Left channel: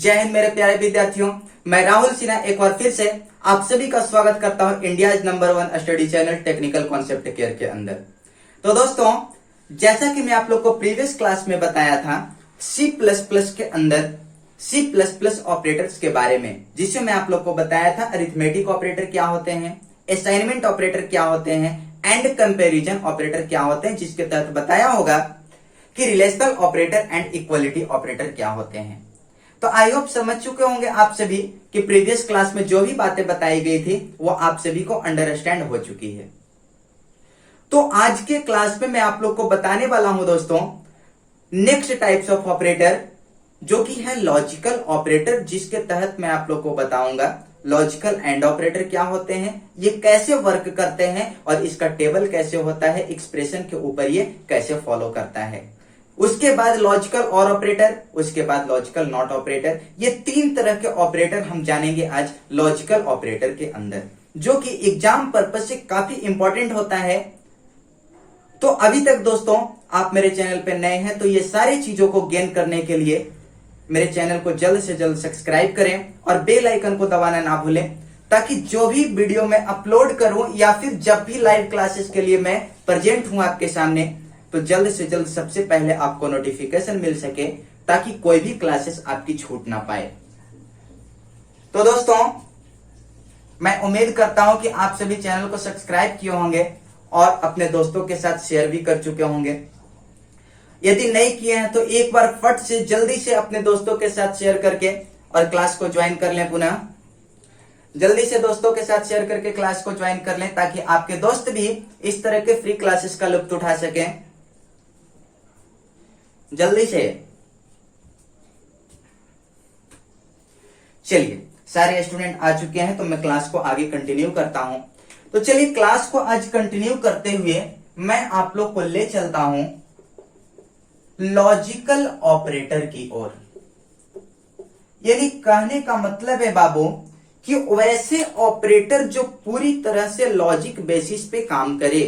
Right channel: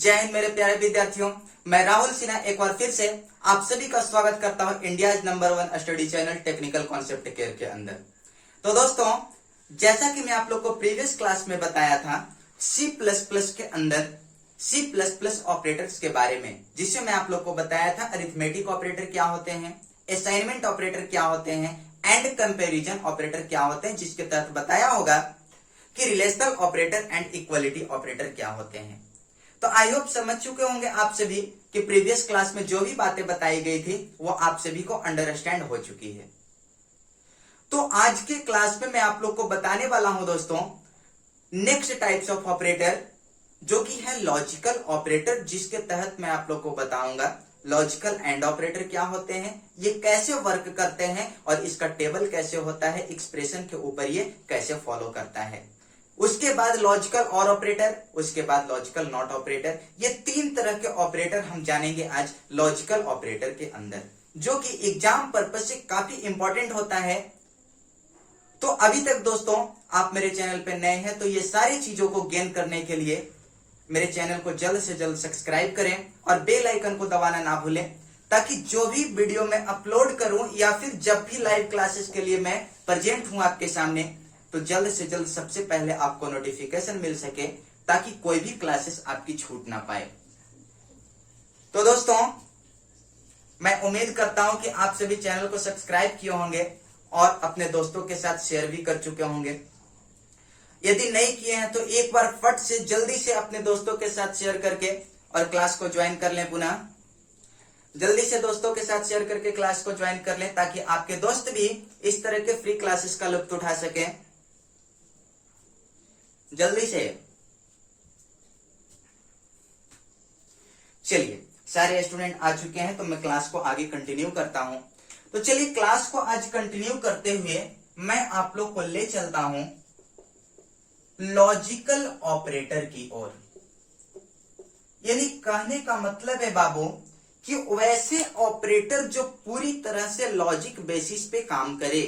जय हिंद मेरे प्यारे विद्यार्थियों, मैं राहुल सिन्हा एक बार फिर से आप सभी का स्वागत करता हूं India number 1 study channel technical concept care के अंदर। तो दोस्तों, जैसा कि मैं आप लोग को प्रीवियस क्लास में बताया था C++ के अंदर C++ ऑपरेटर्स के बारे में, जिसमें मैं आप लोग को बताया था अरिथमेटिक ऑपरेटर क्या होते हैं, असाइनमेंट ऑपरेटर क्या होते हैं एंड कंपैरिजन ऑपरेटर क्या होते हैं, जिसके तहत बताया होगा कि relational operator and equality operator क्या होते हैं। तो आई होप समझ चुके होंगे आप सभी कि प्रीवियस क्लास में जो भी बातें बताई गई थी वो आप सभी को अंडरस्टैंड हो चुकी है। तो आज के क्लास में मैं आप लोग को बताने वाला हूं दोस्तों नेक्स्ट टाइप्स ऑफ ऑपरेटर, जो कि है लॉजिकल ऑपरेटर, जिसके तहत मैं आप लोग को बताऊंगा लॉजिकल एंड ऑपरेटर क्या होते हैं, ये कैसे वर्क करते हैं और इसका टेबल कैसे होता है, एक्सप्रेशन के ऊपर ये कैसे फॉलो करता है। उसके बाद लॉजिकल और ऑपरेटर, उसके बाद लॉजिकल नॉट ऑपरेटर। ये तीन तरह के ऑपरेटर हम जानेंगे आज लॉजिकल ऑपरेटर के अंदर, जो कि एग्जाम पर्पज से काफी इंपॉर्टेंट होता है। तो अभी तक दोस्तों आप मेरे चैनल पे नए हैं तो ये सारी चीजों को गेन करने के लिए मेरे चैनल को जल्द से जल्द सब्सक्राइब करें और बेल आइकन को दबाना ना भूलें, ताकि जो भी वीडियो मैं अपलोड करूं या फिर जब भी लाइव क्लासेस के लिए मैं प्रेजेंट हूं आपके सामने, तो जल्द से जल्द सबसे पहले आपको नोटिफिकेशन मिल सके, ताकि कोई भी क्लासेस आपकी छूट ना पाए। तो दोस्तों, मैं उम्मीद करता हूं कि आप सभी चैनल को सब्सक्राइब किए होंगे और अपने दोस्तों के साथ शेयर भी कर चुके होंगे। यदि नहीं किए हैं तो एक बार फट से जल्दी से अपने दोस्तों के साथ शेयर करके और क्लास को ज्वाइन कर लें। पुनः जल्दी से दोस्तों के साथ शेयर करके क्लास को ज्वाइन कर लें, ताकि आपके दोस्त भी इस तरह के फ्री क्लासेस का लुत्फ उठा सकें। जल्दी से चलिए, सारे स्टूडेंट आ चुके हैं तो मैं क्लास को आगे कंटिन्यू करता हूं। तो चलिए क्लास को आज कंटिन्यू करते हुए मैं आप लोग को ले चलता हूं लॉजिकल ऑपरेटर की ओर। यानी कहने का मतलब है बाबू कि वैसे ऑपरेटर जो पूरी तरह से लॉजिक बेसिस पे काम करे,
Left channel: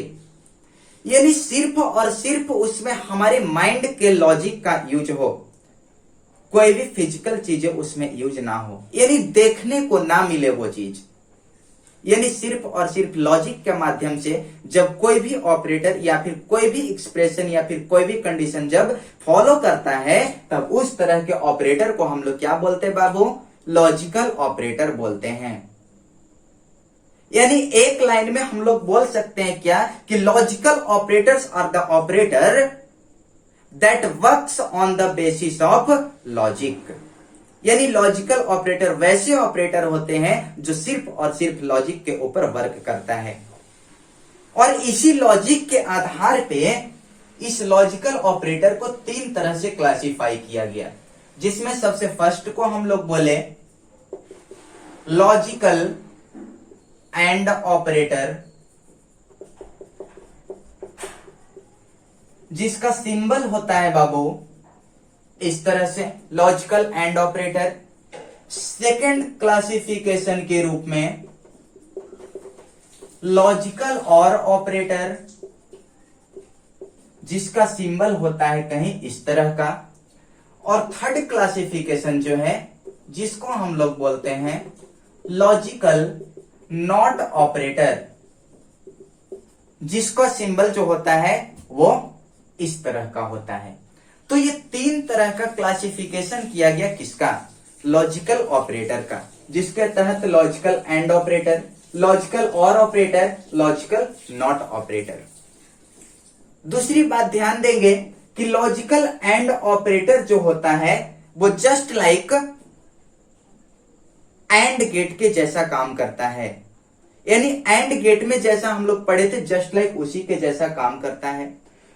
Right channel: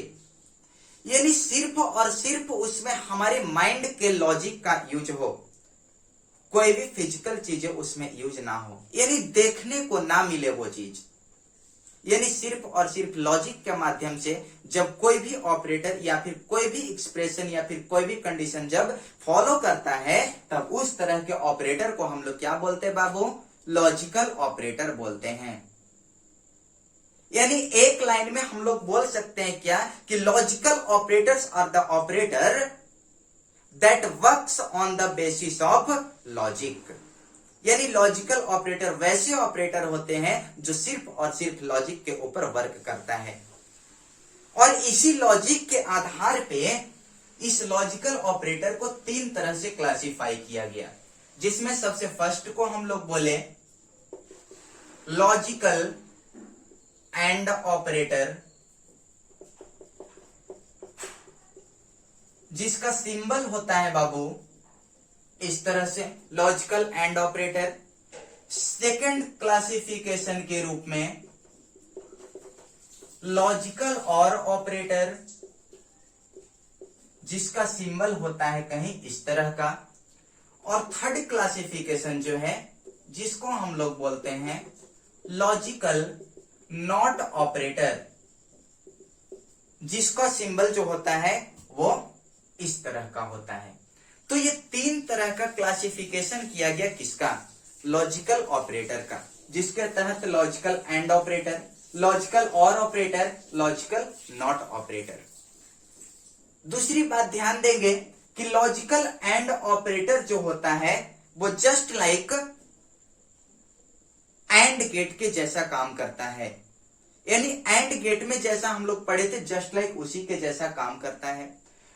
यानी सिर्फ और सिर्फ उसमें हमारे माइंड के लॉजिक का यूज हो, कोई भी फिजिकल चीजें उसमें यूज ना हो, यानी देखने को ना मिले वो चीज। यानी सिर्फ और सिर्फ लॉजिक के माध्यम से जब कोई भी ऑपरेटर या फिर कोई भी एक्सप्रेशन या फिर कोई भी कंडीशन जब फॉलो करता है, तब उस तरह के ऑपरेटर को हम लोग क्या बोलते हैं बाबू? लॉजिकल ऑपरेटर बोलते हैं। यानी एक लाइन में हम लोग बोल सकते हैं क्या कि logical operators are the operator that works on the basis of logic. यानी लॉजिकल ऑपरेटर वैसे ऑपरेटर होते हैं जो सिर्फ और सिर्फ लॉजिक के ऊपर वर्क करता है, और इसी लॉजिक के आधार पे इस लॉजिकल ऑपरेटर को तीन तरह से क्लासिफाई किया गया, जिसमें सबसे फर्स्ट को हम लोग बोले लॉजिकल एंड ऑपरेटर, जिसका सिंबल होता है बाबू इस तरह से, logical and operator. Second classification के रूप में लॉजिकल और ऑपरेटर, जिसका सिंबल होता है कहीं इस तरह का। और थर्ड क्लासिफिकेशन जो है, जिसको हम लोग बोलते हैं लॉजिकल नॉट ऑपरेटर, जिसका सिंबल जो होता है वो इस तरह का होता है। तो ये तीन तरह का क्लासिफिकेशन किया गया किसका? लॉजिकल ऑपरेटर का, जिसके तहत लॉजिकल एंड ऑपरेटर, लॉजिकल और ऑपरेटर, लॉजिकल नॉट ऑपरेटर। दूसरी बात ध्यान देंगे कि लॉजिकल एंड ऑपरेटर जो होता है वो जस्ट लाइक एंड गेट के जैसा काम करता है। यानी एंड गेट में जैसा हम लोग पढ़े थे, जस्ट लाइक उसी के जैसा काम करता है।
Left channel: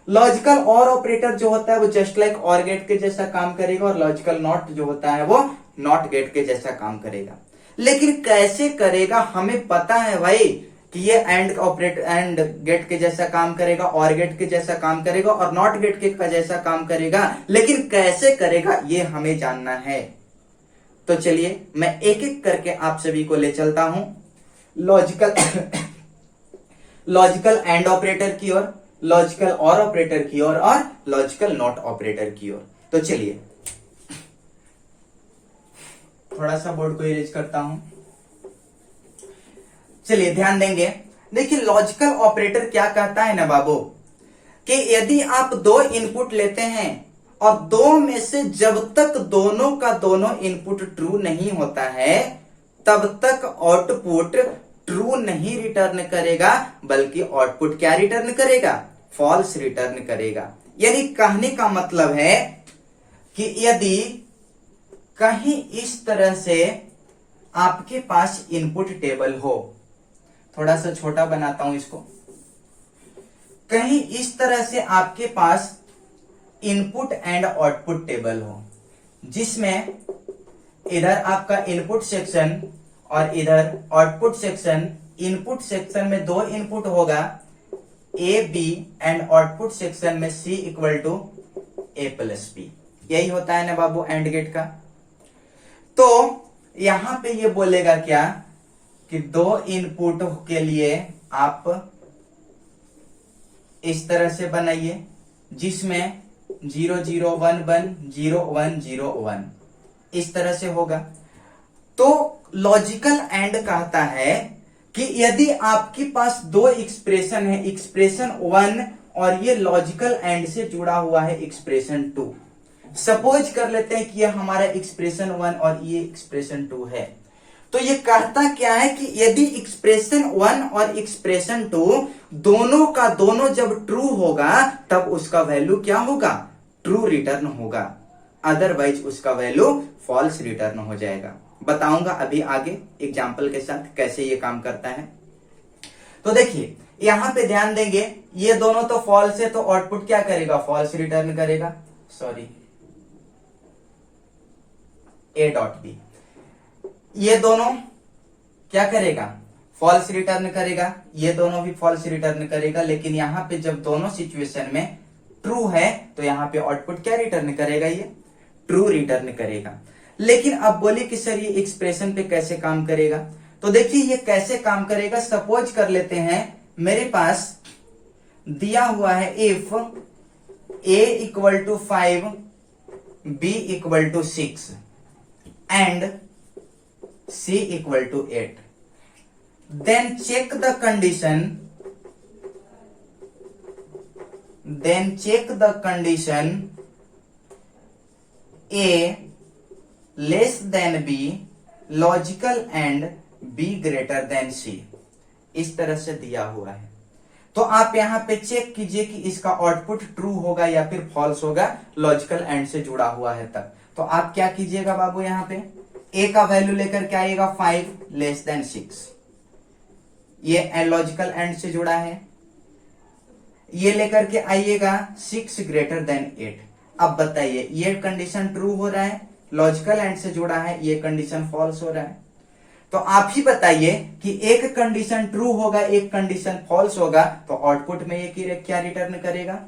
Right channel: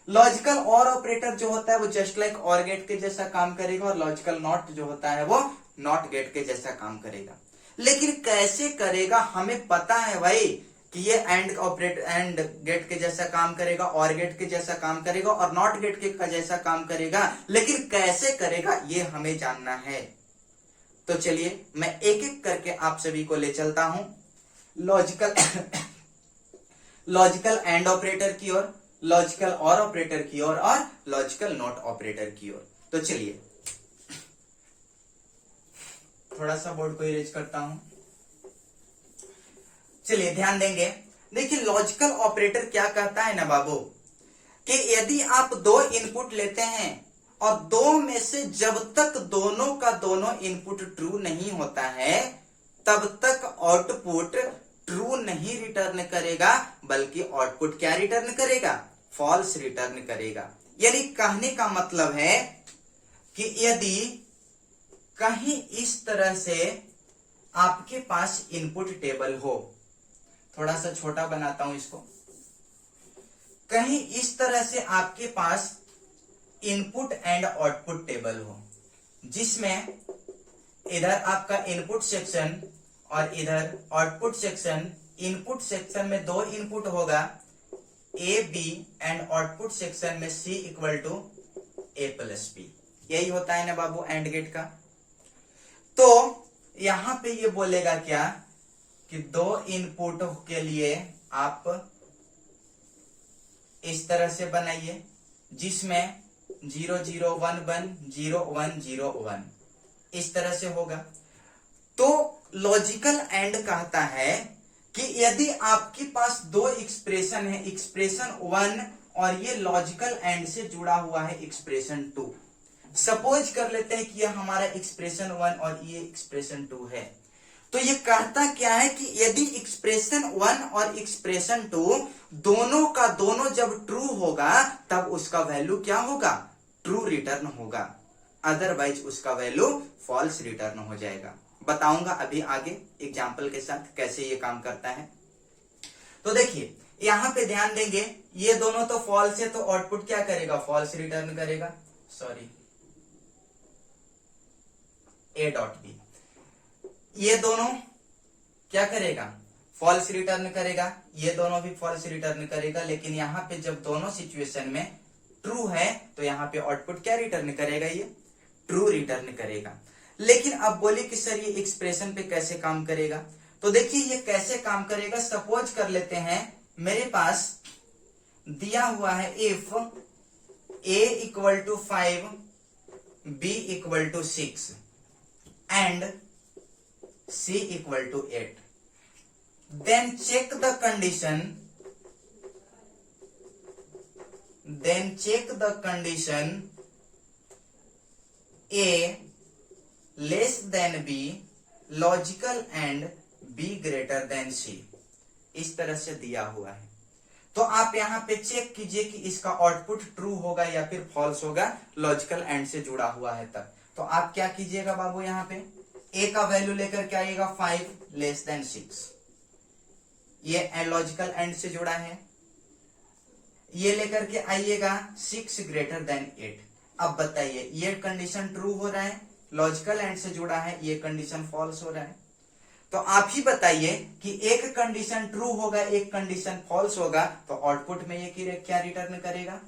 लॉजिकल और ऑपरेटर जो होता है वो जस्ट लाइक और गेट के जैसा काम करेगा, और लॉजिकल नॉट जो होता है वो नॉट गेट के जैसा काम करेगा। लेकिन कैसे करेगा हमें पता है भाई कि ये एंड ऑपरेटर एंड गेट के जैसा काम करेगा, और गेट के जैसा काम करेगा, और नॉट गेट के जैसा काम करेगा, लेकिन कैसे करेगा ये हमें जानना है। तो चलिए मैं एक एक करके आप सभी को ले चलता हूं लॉजिकल एंड ऑपरेटर की ओर, लॉजिकल और ऑपरेटर की ओर और लॉजिकल नॉट ऑपरेटर की ओर। तो चलिए थोड़ा सा बोर्ड को इरेज करता हूं। चलिए ध्यान देंगे। देखिए लॉजिकल ऑपरेटर क्या कहता है ना बाबू, कि यदि आप दो इनपुट लेते हैं और दो में से जब तक दोनों का दोनों इनपुट ट्रू नहीं होता है तब तक आउटपुट ट्रू नहीं रिटर्न करेगा, बल्कि आउटपुट क्या रिटर्न करेगा, फॉल्स रिटर्न करेगा। यानी कहने का मतलब है कि यदि कहीं इस तरह से आपके पास इनपुट टेबल हो, थोड़ा सा छोटा बनाता हूं इसको, कहीं इस तरह से आपके पास इनपुट एंड आउटपुट टेबल हो, जिसमें इधर आपका इनपुट सेक्शन और इधर आउटपुट सेक्शन। इनपुट सेक्शन में दो इनपुट होगा A B and output section में C equal to A plus B. यही होता है ना बाबू एंड गेट का। तो यहां पे ये बोलेगा क्या कि दो इनपुट के लिए आप इस तरह से बनाइए, जिसमें 0 0 1 1 0 1 0 1 इस तरह से होगा। तो लॉजिकल एंड कहता है कि यदि आपके पास दो एक्सप्रेशन है, एक्सप्रेशन 1 और ये लॉजिकल एंड से जुड़ा हुआ है एक्सप्रेशन 2। सपोज कर लेते हैं कि यह हमारा एक्सप्रेशन 1 और ये एक्सप्रेशन 2 है। तो ये कहता क्या है कि यदि एक्सप्रेशन 1 और एक्सप्रेशन 2 दोनों का दोनों जब ट्रू होगा तब उसका वैल्यू क्या होगा, ट्रू रिटर्न होगा, अदरवाइज उसका वैल्यू फॉल्स रिटर्न हो जाएगा। बताऊंगा अभी आगे एग्जाम्पल के साथ कैसे ये काम करता है। तो देखिए यहां पे ध्यान देंगे, ये दोनों तो फॉल्स है तो आउटपुट क्या करेगा, फॉल्स रिटर्न करेगा। सॉरी, ए डॉट बी, ये दोनों क्या करेगा, फॉल्स रिटर्न करेगा, ये दोनों भी फॉल्स रिटर्न करेगा। लेकिन यहां पे जब दोनों सिचुएशन में ट्रू है तो यहां पे आउटपुट क्या रिटर्न करेगा, ये ट्रू रिटर्न करेगा। लेकिन अब बोलिए कि सर ये एक्सप्रेशन पे कैसे काम करेगा। तो देखिए ये कैसे काम करेगा। सपोज कर लेते हैं मेरे पास दिया हुआ है if a equal to 5 b equal to 6 and c equal to 8, then check the condition a less than b, logical and b greater than c। इस तरह से दिया हुआ है। तो आप यहां पे चेक कीजिए कि इसका आउटपुट ट्रू होगा या फिर फॉल्स होगा, लॉजिकल एंड से जुड़ा हुआ है तब। तो आप क्या कीजिएगा बाबू, यहां पे a का वैल्यू लेकर के आइएगा 5 लेस देन 6, ये लॉजिकल एंड से जुड़ा है। ये लेकर के आइएगा 6 ग्रेटर देन 8। अब बताइए ये कंडीशन ट्रू हो रहा है, लॉजिकल एंड से जुड़ा है, ये कंडीशन फॉल्स हो रहा है। तो आप ही बताइए कि एक कंडीशन ट्रू होगा एक कंडीशन फॉल्स होगा, तो आउटपुट में ये क्या रिटर्न करेगा,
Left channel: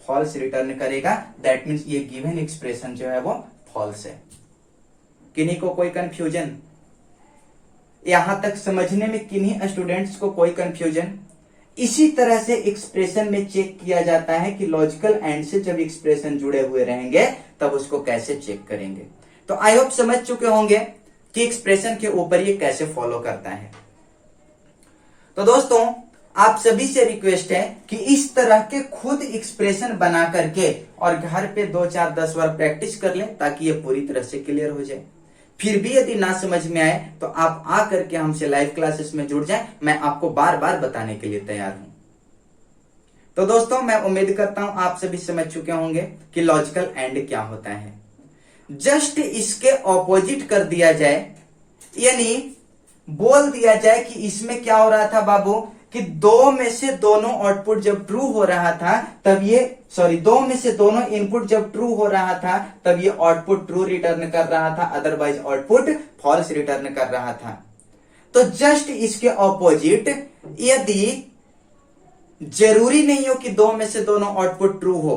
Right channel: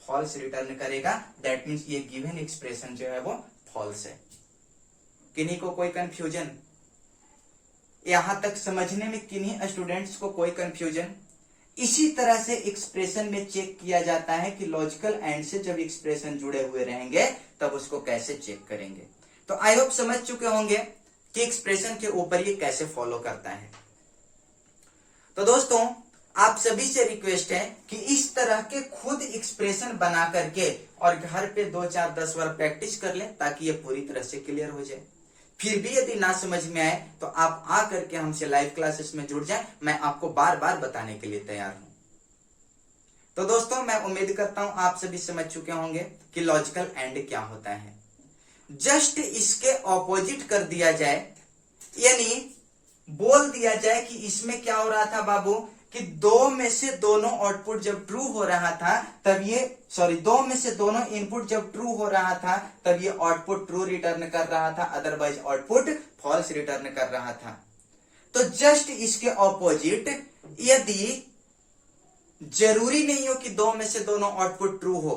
फॉल्स रिटर्न करेगा। दैट मीन्स ये गिवन एक्सप्रेशन जो है वो फॉल्स है। किन्हीं को कोई कंफ्यूजन, यहां तक समझने में किन्हीं स्टूडेंट्स को कोई कंफ्यूजन? इसी तरह से एक्सप्रेशन में चेक किया जाता है कि लॉजिकल एंड से जब एक्सप्रेशन जुड़े हुए रहेंगे तब उसको कैसे चेक करेंगे। तो आई होप समझ चुके होंगे कि एक्सप्रेशन के ऊपर ये कैसे फॉलो करता है। तो दोस्तों आप सभी से रिक्वेस्ट है कि इस तरह के खुद एक्सप्रेशन बना करके और घर पे 2 4 10 बार प्रैक्टिस कर लें, ताकि ये पूरी तरह से क्लियर हो जाए। फिर भी यदि ना समझ में आए तो आप आ करके हमसे लाइव क्लासेस में जुड़ जाएं, मैं आपको बार बार बताने के लिए तैयार हूं। तो दोस्तों मैं उम्मीद करता हूं आप सभी समझ चुके होंगे कि लॉजिकल एंड क्या होता है। जस्ट इसके ऑपोजिट कर दिया जाए, यानी बोल दिया जाए कि इसमें क्या हो रहा था बाबू, कि दो में से दोनों आउटपुट जब ट्रू हो रहा था तब ये दो में से दोनों इनपुट जब ट्रू हो रहा था तब ये आउटपुट ट्रू रिटर्न कर रहा था, अदरवाइज आउटपुट फॉल्स रिटर्न कर रहा था। तो जस्ट इसके ऑपोजिट, यदि जरूरी नहीं हो कि दो में से दोनों आउटपुट ट्रू हो,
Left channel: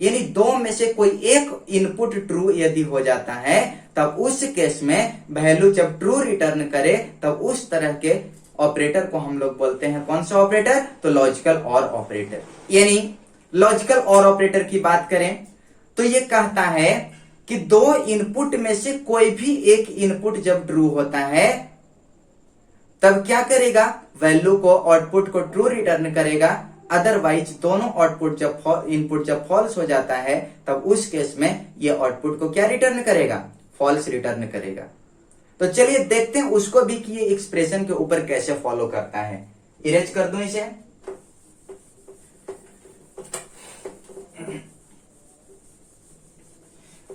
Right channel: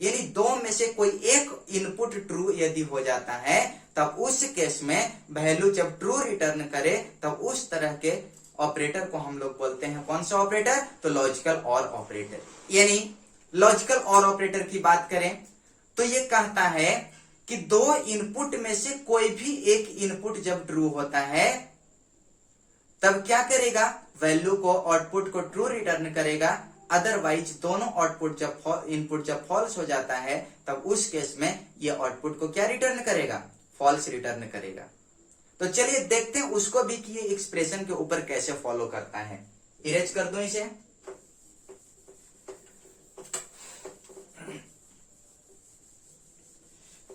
यानी दो में से कोई एक इनपुट ट्रू यदि हो जाता है तब उस केस में वैल्यू जब ट्रू रिटर्न करे तब उस तरह के ऑपरेटर को हम लोग बोलते हैं कौन सा ऑपरेटर, तो लॉजिकल और ऑपरेटर। यानी लॉजिकल और ऑपरेटर की बात करें तो ये कहता है कि दो इनपुट में से कोई भी एक इनपुट जब ट्रू होता है तब क्या करेगा, वैल्यू को आउटपुट को ट्रू रिटर्न करेगा। अदरवाइज दोनों आउटपुट जब इनपुट जब फॉल्स हो जाता है तब उस केस में ये आउटपुट को क्या रिटर्न करेगा, फॉल्स रिटर्न करेगा। तो चलिए देखते हैं उसको भी कि ये एक्सप्रेशन के ऊपर कैसे फॉलो करता है। इरेज कर दूं इसे।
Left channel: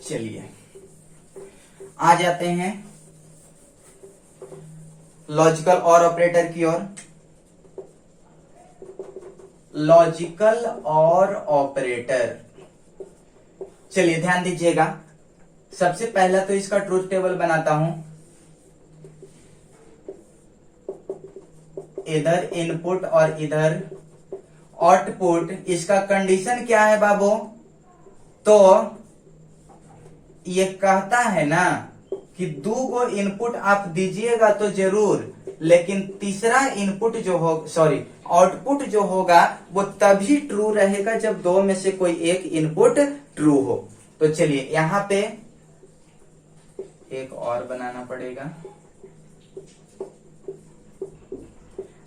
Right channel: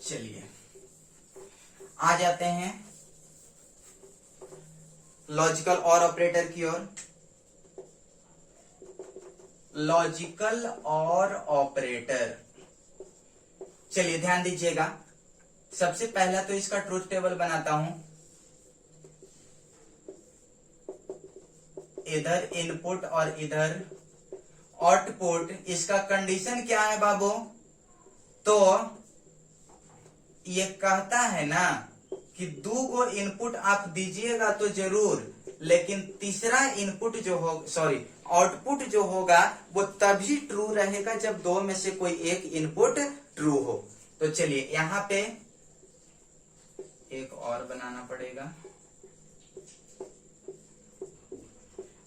चलिए आ जाते हैं लॉजिकल और ऑपरेटर की ओर। लॉजिकल और ऑपरेटर, चलिए ध्यान दीजिएगा। सबसे पहला तो इसका ट्रूथ टेबल बनाता हूं। इधर इनपुट और इधर आउटपुट, इसका कंडीशन क्या है बाबू, तो ये कहता है ना कि दो को इनपुट आप दीजिएगा तो जरूर, लेकिन तीसरा इनपुट जो हो आउटपुट जो होगा वो तभी ट्रू रहेगा जब दो में से कोई एक इनपुट ट्रू हो। तो चलिए यहां पे एक और बनाना पड़ेगा।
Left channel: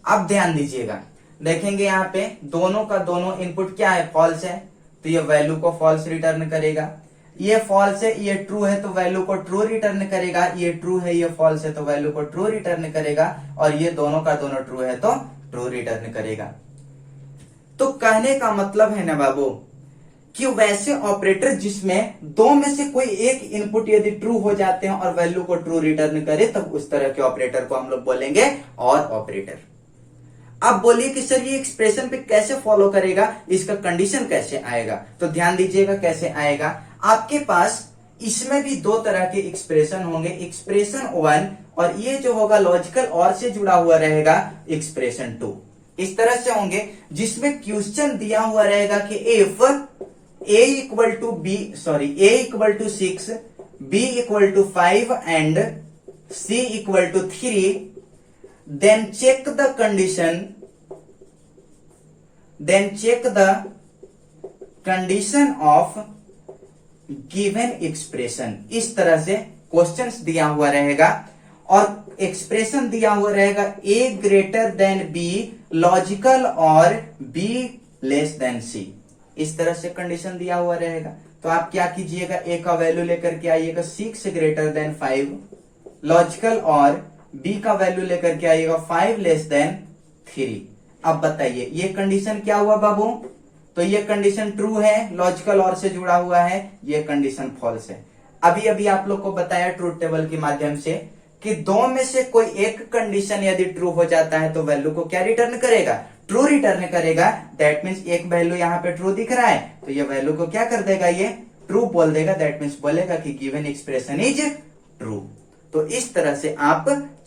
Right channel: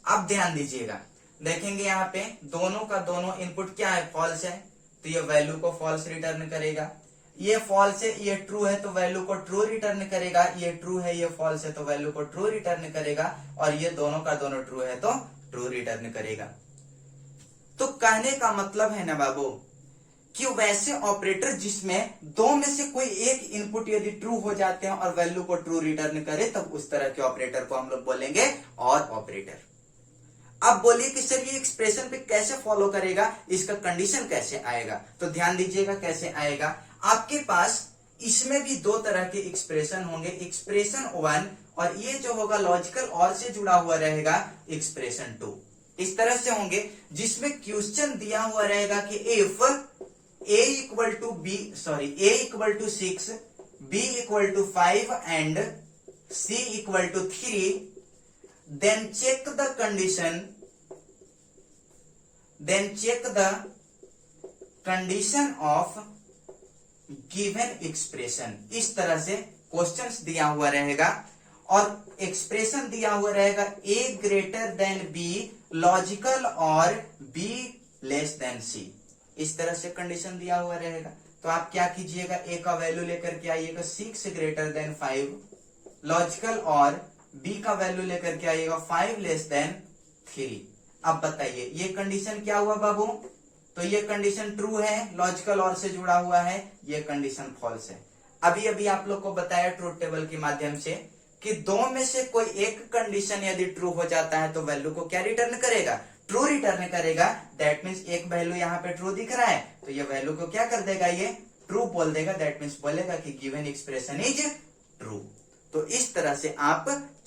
अब ध्यान दीजिएगा, देखेंगे यहां पे दोनों का दोनों इनपुट क्या है, फॉल्स है, तो ये वैल्यू को फॉल्स रिटर्न करेगा। ये फॉल्स है, ये ट्रू है, तो वैल्यू को ट्रू रिटर्न करेगा। ये ट्रू है, ये फॉल्स है, तो वैल्यू को ट्रू रिटर्न करेगा। और ये दोनों का दोनों ट्रू है तो ट्रू रिटर्न करेगा। तो कहने का मतलब है ना बाबू कि वैसे ऑपरेटर जिसमें दो में से कोई एक इनपुट यदि ट्रू हो जाते हैं और वैल्यू को ट्रू रिटर्न करे, तब उस तरह के ऑपरेटर को हम लोग बोलेंगे और ऑपरेटर। अब बोलिए कि सर ये एक्सप्रेशन पे कैसे फॉलो करेगा, इसका कंडीशन कैसे आएगा। तो ध्यान दीजिएगा कैसे आएगा। आपके पास इसमें भी दो तरह के एक्सप्रेशन होंगे, एक्सप्रेशन 1 और ये जो होगा लॉजिकल और से जुड़ा हुआ रहेगा एक्सप्रेशन 2। इस तरह से होंगे जिसमें क्वेश्चन दिया हुआ रहेगा कि if a equal to 6, b equal to 5 and c equal to 3, then check the condition of given expression। इस तरह से क्वेश्चंस दिया हुआ रहेगा और एक्सप्रेशन दिया हुआ रहेगा a greater than b, logical और b लेस देन c। इस तरह से कंडीशन दिया हुआ रहेगा। तो आप क्या कीजिएगा, a का वैल्यू लेकर के आइएगा 6 ग्रेटर देन 5, लॉजिकल और b का वैल्यू लेकर के आइएगा 5 लेस देन 3। अब बताइए ये कंडीशन क्या हुआ बाबू, तो ये कंडीशन ट्रू है, लॉजिकल और से जुड़ा हुआ है, ये कंडीशन फॉल्स है। अभी अभी आप लोग को बताया ट्रूथ टेबल के माध्यम से कि दो में से कोई एक कंडीशन यदि ट्रू हो जाता है तो वैल्यू को क्या रिटर्न करेगा, ट्रू रिटर्न करेगा। दैट मीन्स एक वैल्यू यहाँ पे ट्रू दिख रहा है तो ये वैल्यू को क्या कर देगा, ये ट्रू बोल देगा। दैट मीन्स बोलेगा कि गिवन एक्सप्रेशन इज ट्रू। तो इस तरह से आप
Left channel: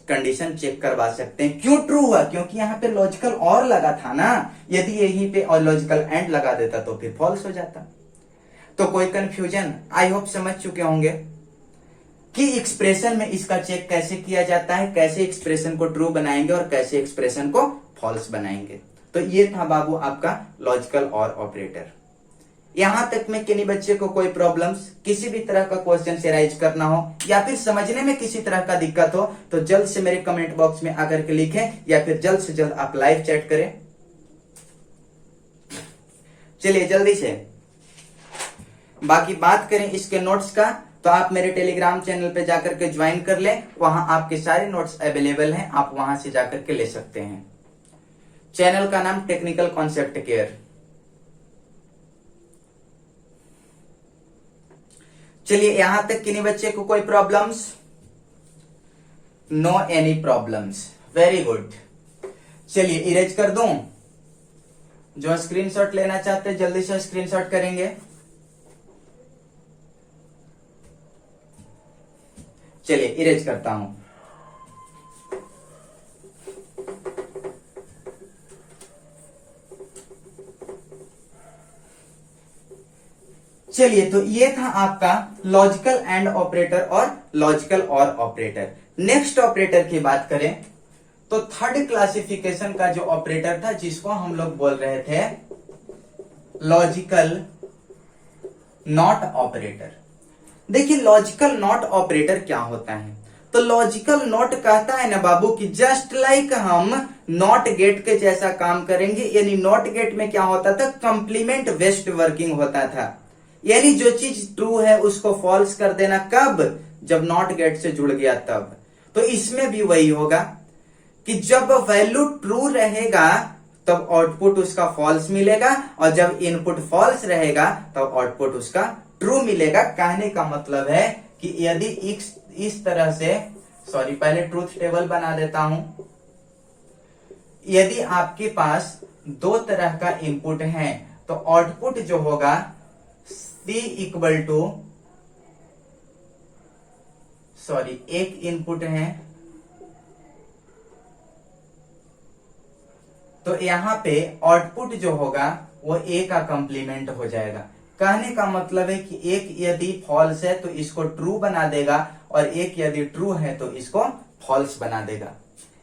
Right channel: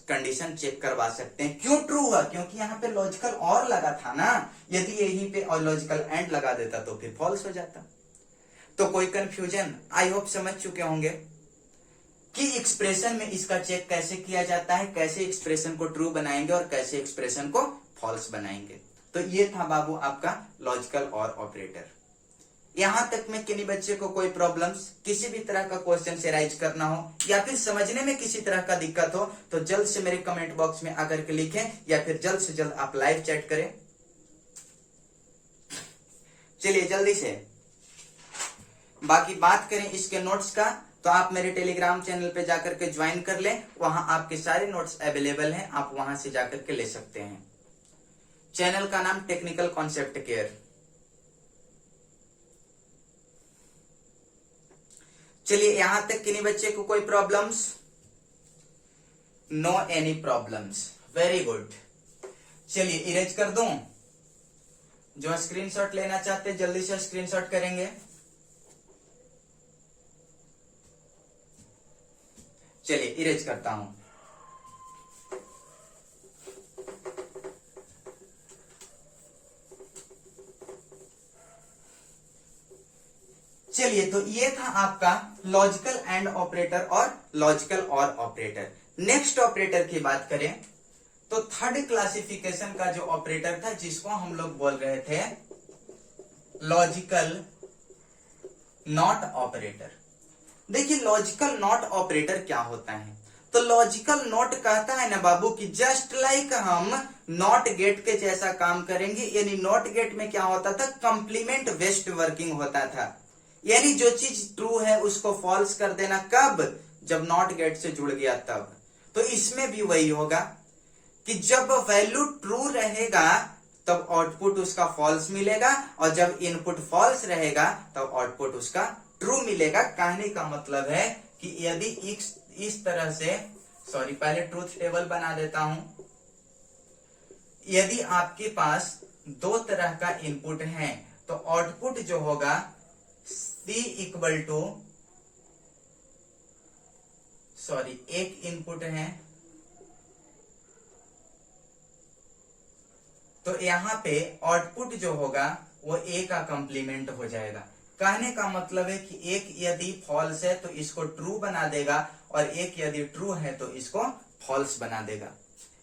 कंडीशन चेक करवा सकते हैं। क्यों ट्रू हुआ, क्योंकि यहाँ पे लॉजिकल और लगा था ना, यदि यहीं पे और लॉजिकल एंड लगा देता तो फिर फॉल्स हो जाता। तो कोई कंफ्यूजन, आई होप समझ चुके होंगे कि एक्सप्रेशन में इसका चेक कैसे किया जाता है, कैसे एक्सप्रेशन को ट्रू बनाएंगे और कैसे एक्सप्रेशन को फॉल्स बनाएंगे। तो ये था बाबू आपका लॉजिकल और ऑपरेटर। यहां तक में किन्हीं बच्चे को कोई प्रॉब्लम्स, किसी भी तरह का क्वेश्चन से राइज करना हो या फिर समझने में किसी तरह का दिक्कत हो तो जल्द से मेरे कमेंट बॉक्स में आकर के लिखें या फिर जल्द से जल्द आप लाइव चैट करें। चलिए जल्दी से बाकी बात करें इसके नोट्स का, तो आप मेरे टेलीग्राम चैनल पे जाकर के ज्वाइन कर लें, वहां आपके सारे नोट्स अवेलेबल हैं, आप वहां से जाकर के ले सकते हैं। चैनल का नाम टेक्निकल कॉन्सेप्ट केयर। चलिए यहां तक किन्हीं बच्चे को कोई problems, no any problems, very good. चलिए इरेज कर दूं, जो स्क्रीनशॉट लेना चाहते हैं जल्दी से स्क्रीनशॉट करेंगे। चलिए इरेज करता हूं। चलिए तो ये था आपका लॉजिकल एंड ऑपरेटर और लॉजिकल और ऑपरेटर। नेक्स्ट ऑपरेटर की बात करें तो थर्ड क्लासिफिकेशन का जो ऑपरेटर था जिसको हम लोग बोल रहे थे लॉजिकल नॉट ऑपरेटर। देखिए लॉजिकल नॉट ऑपरेटर क्या होता है, तो लॉजिकल नॉट कहता है ना बाबू कि जस्ट लाइक हम नॉट गेट के जैसा काम करेंगे। यानी नॉट गेट में क्या होता था, कंप्लीमेंट वेस्ट वर्किंग होता था, यानी जो चीज ट्रू है उसको फॉल्स कर देना, कब, जब नॉट गेट से जुड़ गया तब। तो इसमें भी वही होगा कि जब वैल्यू ट्रू रहेगा तब आउटपुट उसका फॉल्स मिलेगा, और जब इनपुट फॉल्स रहेगा तब आउटपुट उसका ट्रू मिलेगा। कहने का मतलब है कि यदि इस तरह से, सॉरी पहले ट्रूथ टेबल बना देता हूं, यदि आपके पास दो तरह का इनपुट है तो आउटपुट जो होगा C इक्वल टू, सॉरी एक इनपुट है तो यहां पे आउटपुट जो होगा वो A का कंप्लीमेंट हो जाएगा। कहने का मतलब है कि एक यदि फॉल्स है तो इसको ट्रू बना देगा, और एक यदि ट्रू है तो इसको फॉल्स बना देगा।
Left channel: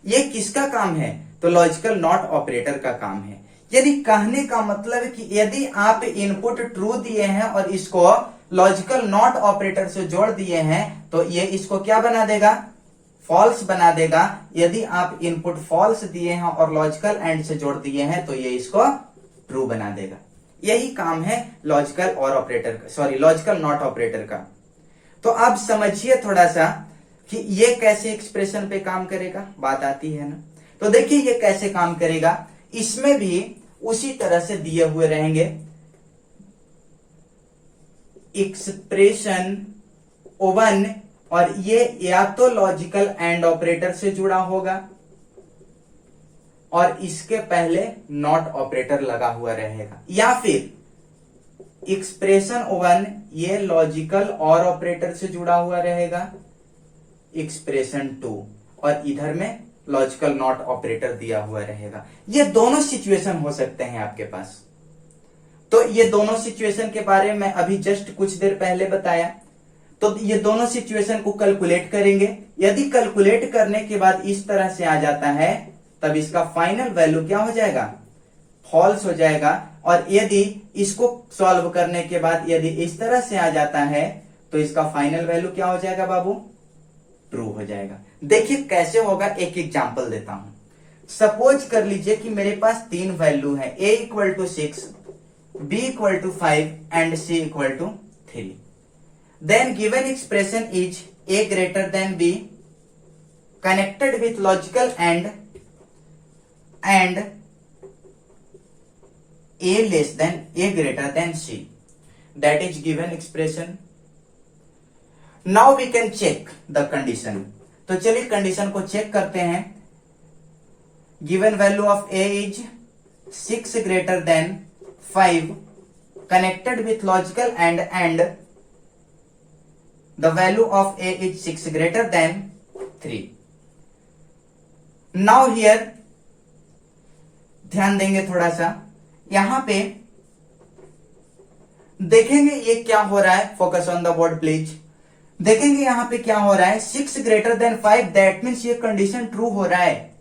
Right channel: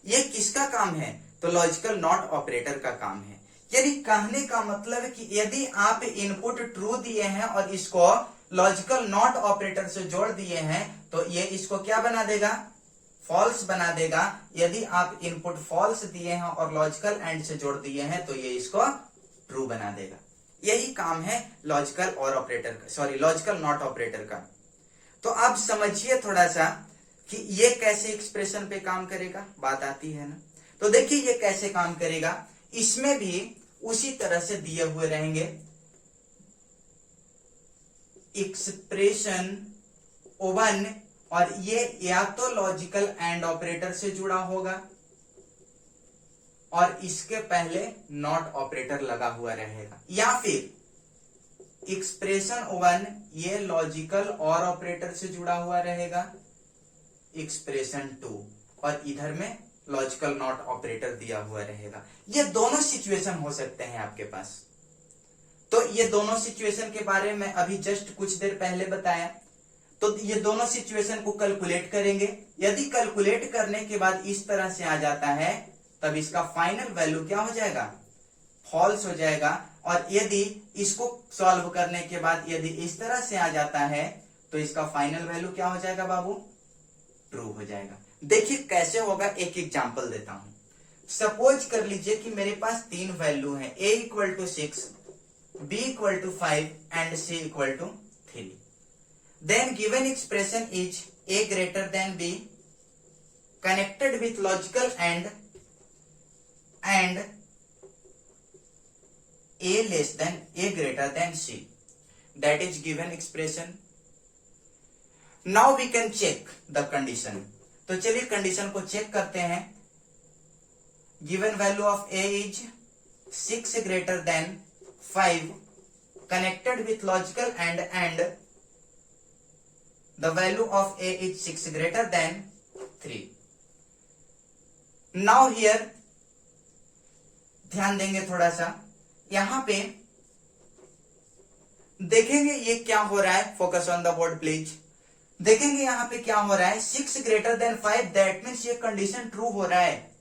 ये किसका काम है, तो लॉजिकल नॉट ऑपरेटर का काम है। यानी कहने का मतलब है कि यदि आप इनपुट ट्रू दिए हैं और इसको लॉजिकल नॉट ऑपरेटर से जोड़ दिए हैं तो ये इसको क्या बना देगा, फॉल्स बना देगा। यदि आप इनपुट फॉल्स दिए हैं और लॉजिकल एंड से जोड़ दिए हैं तो ये इसको ट्रू बना देगा। यही काम है लॉजिकल और ऑपरेटर का, सॉरी लॉजिकल नॉट ऑपरेटर का। तो अब समझिए थोड़ा सा कि ये कैसे एक्सप्रेशन पे काम करेगा, बात आती है ना। तो देखिए ये कैसे काम करेगा, इसमें भी उसी तरह से दिए हुए रहेंगे एक्सप्रेशन 1, और ये या तो लॉजिकल एंड ऑपरेटर से जुड़ा होगा और इसके पहले नॉट ऑपरेटर लगा हुआ रहेगा, या फिर एक्सप्रेशन 1 ये लॉजिकल और ऑपरेटर से जुड़ा हुआ रहेगा, एक्सप्रेशन 2 और इधर में लॉजिकल नॉट ऑपरेटर दिया हुआ रहेगा। ये दोनों सिचुएशन हो सकते हैं आपके पास। तो ये दोनों सिचुएशन के बारे में अभी जस्ट कुछ देर पहले बताया। तो ये दोनों सिचुएशन को कैलकुलेट करेंगे। यदि कैलकुलेट करने के बाद इस तरह से आ जाता है तब इसका फाइनल वैल्यू क्या हो जाएगा, फॉल्स हो जाएगा। और यदि इसको सॉल्व करने के बाद यदि इस तरह से आ जाता है तो इसका फाइनल वैल्यू क्या हो जाएगा बाबू, ट्रू हो जाएगा। देखिए कैसे होगा, एक एग्जांपल देता हूं। सपोज कर लीजिए कि मेरे पास 3 वैल्यू है, a equal to 6, b equal to 5 and c equal to 3। Then given expression is a greater than b connected with logical and a less than a greater than c, that is given expression. Now we can check the condition. तो चलिए condition को check करते हैं। Given value of a is 6 greater than 5 connected with logical and the value of a is 6 greater then 3। Now here ध्यान देंगे थोड़ा सा, यहां पे देखेंगे ये क्या हो रहा है, focus on the board please. देखेंगे यहां पे क्या हो रहा है, 6 ग्रेटर देन 5, दैट मीन्स ये कंडीशन ट्रू हो रहा है।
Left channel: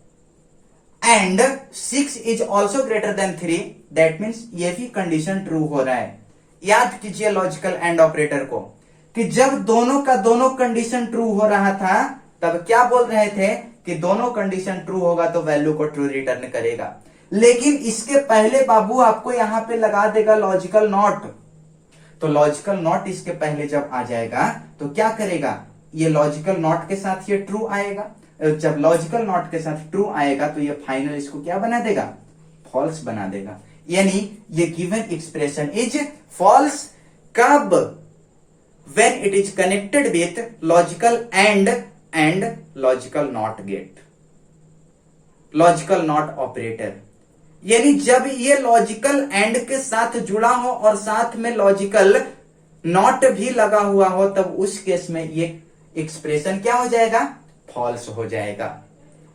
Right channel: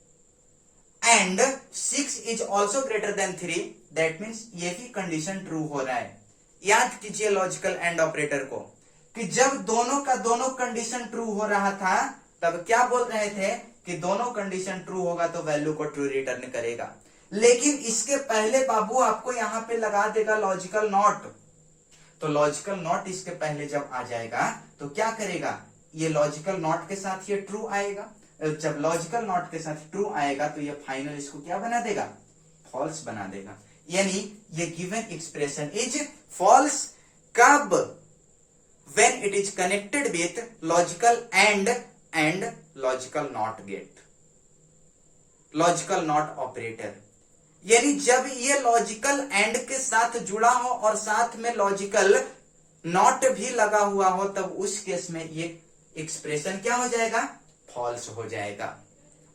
And 6 is also greater than 3, that means ये भी कंडीशन ट्रू हो रहा है। याद कीजिए लॉजिकल एंड ऑपरेटर को कि जब दोनों का दोनों कंडीशन ट्रू हो रहा था तब क्या बोल रहे थे कि दोनों कंडीशन ट्रू होगा तो वैल्यू को ट्रू रिटर्न करेगा। लेकिन इसके पहले बाबू आपको यहां पे लगा देगा लॉजिकल नॉट। तो लॉजिकल नॉट इसके पहले जब आ जाएगा तो क्या करेगा, ये लॉजिकल नॉट के साथ ये ट्रू आएगा। जब लॉजिकल नॉट के साथ ट्रू आएगा तो ये फाइनल इसको क्या बना देगा, फॉल्स बना देगा। यानी ये गिवन एक्सप्रेशन इज फॉल्स कब, when it is connected with logical and logical not gate, logical not operator. यानी जब ये लॉजिकल एंड के साथ जुड़ा हो और साथ में लॉजिकल नॉट भी लगा हुआ हो तब उस केस में ये एक्सप्रेशन क्या हो जाएगा, फॉल्स हो जाएगा।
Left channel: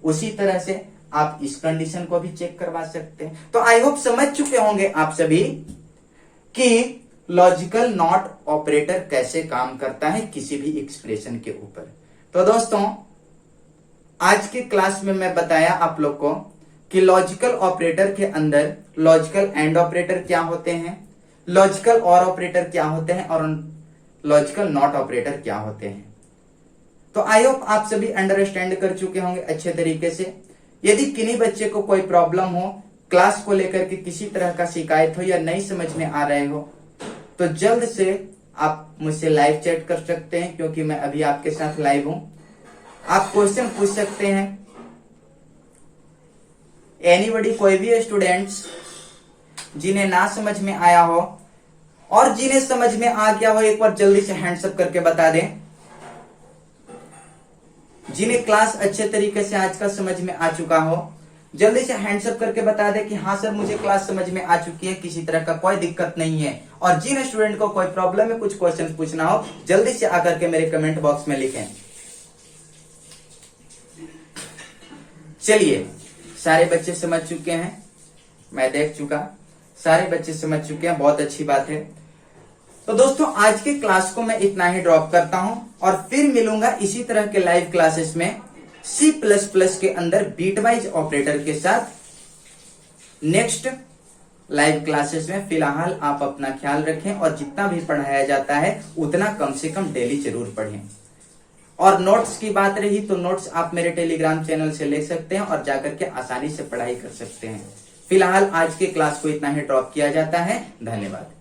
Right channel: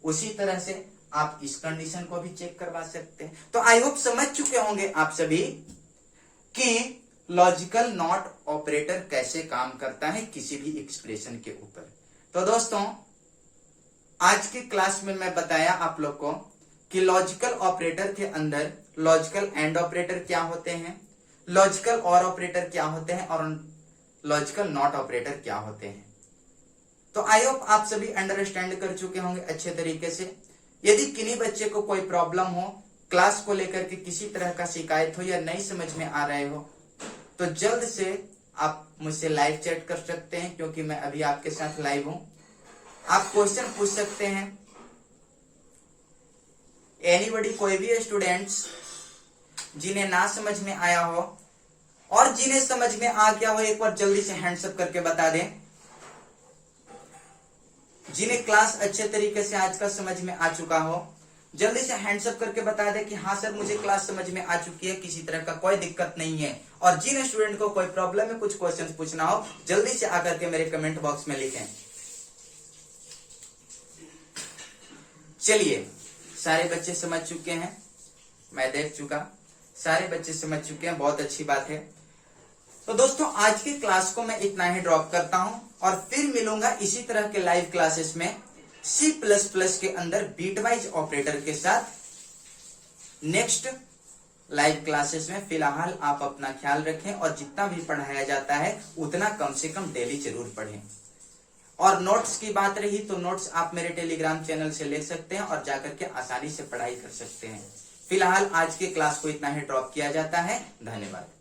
उसी तरह से आप इस कंडीशन को भी चेक करवा सकते हैं। तो आई होप समझ चुके होंगे आप सभी कि लॉजिकल नॉट ऑपरेटर कैसे काम करता है किसी भी एक्सप्रेशन के ऊपर। तो दोस्तों आज की क्लास में मैं बताया आप लोग को कि लॉजिकल ऑपरेटर के अंदर लॉजिकल एंड ऑपरेटर क्या होते हैं, लॉजिकल और ऑपरेटर क्या होते हैं, और लॉजिकल नॉट ऑपरेटर क्या होते हैं। तो आई होप आप सभी अंडरस्टैंड कर चुके होंगे अच्छे तरीके से। यदि किन्हीं बच्चे को कोई प्रॉब्लम हो, क्लास को लेकर के किसी तरह का शिकायत हो या नहीं समझ में आ रहे हो, तो जल्द से आप मुझसे लाइव चैट कर सकते हैं, क्योंकि मैं अभी आपके साथ लाइव हूं। आप क्वेश्चन पूछ सकते हैं, एनीबडी, कोई भी स्टूडेंट्स जिन्हें ना समझ में आया हो और जिन्हें समझ में आ गया हो, एक बार जल्दी से हैंड्स अप करके बता दें। जिन्हें क्लास अच्छे तरीके से आज का समझ में आ चुका हो, जल्दी से हैंड्स अप करके बता दें कि हाँ सर मुझे क्लास समझ में आ चुकी है, किसी तरह का कोई दिक्कत नहीं है। और जिन स्टूडेंट को कोई प्रॉब्लम है, कुछ क्वेश्चन पूछना हो, जल्दी से आकर के मेरे कमेंट बॉक्स में लिखें। चलिए, सारे बच्चे समझ चुके हैं, मैं देख चुका, सारे बच्चे समझ चुके हैं, बहुत अच्छी बात है। तो दोस्तों आज की क्लास को मैं इतना ही ड्रॉप करता हूं और फिर मिलूंगा इसी तरह के लाइव क्लासेस में C++ के अंदर बीटवाइज ऑपरेटर के साथ नेक्स्ट लाइव क्लासेस में। फिलहाल आप अपना ख्याल रखें और जितना भी पढ़ाया जाता है उतना कम से कम डेली जरूर पढ़ें। और नोट्स की बात रही तो नोट्स आप मेरे टेलीग्राम चैनल से ले सकते हैं और जाकर के आसानी से पढ़ाई कर सकते हैं। फिलहाल आज के क्लास को इतना ही ड्रॉप किया जाता है। धन्यवाद।